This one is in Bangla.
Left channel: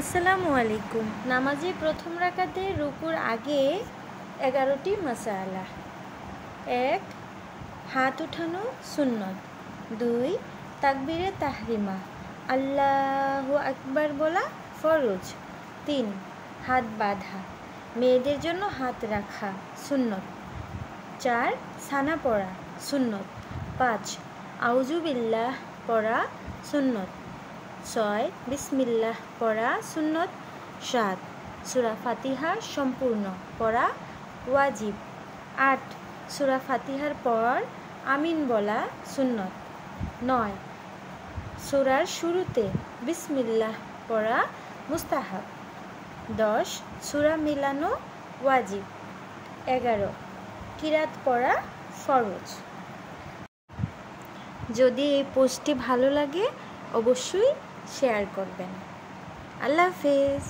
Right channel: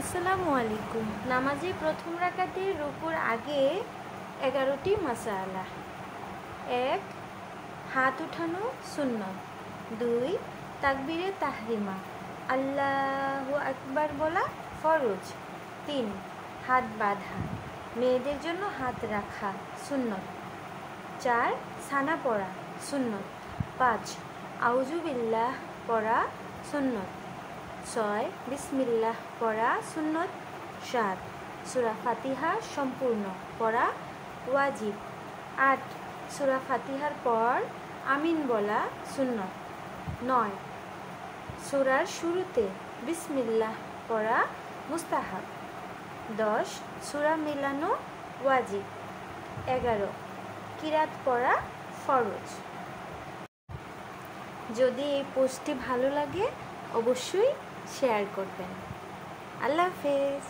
আসসালামু আলাইকুম। নামাজে প্রথম রাকাতে রুকুর আগে 11টি মাসালা। 1. হাত উঠানো সুন্নত। 2. তাকবীরে তাহরিমা আল্লাহু আকবার বলা ফরজ। 3. হাত বাঁধা, মেয়েদের জন্য হাত রাখা সুন্নত। 4. সানা পড়া সুন্নত। 5. আউযু বিল্লাহ পড়া সুন্নত। 6. বিসমিল্লাহ পড়া সুন্নত। 7. সূরা ফাতিহা সম্পূর্ণ পড়া ওয়াজিব। 8. সূরা ফাতিহার পর আমিন বলা সুন্নত। 9. সূরার শুরুতে বিসমিল্লাহ পড়া মুস্তাহাব। 10. সূরা মেলানো ওয়াজিব। 11. কিরাত পড়া ফরজ। যদি এই পোস্টটি ভালো লাগে অবশ্যই শেয়ার করবেন। আল্লাহ হাফেজ।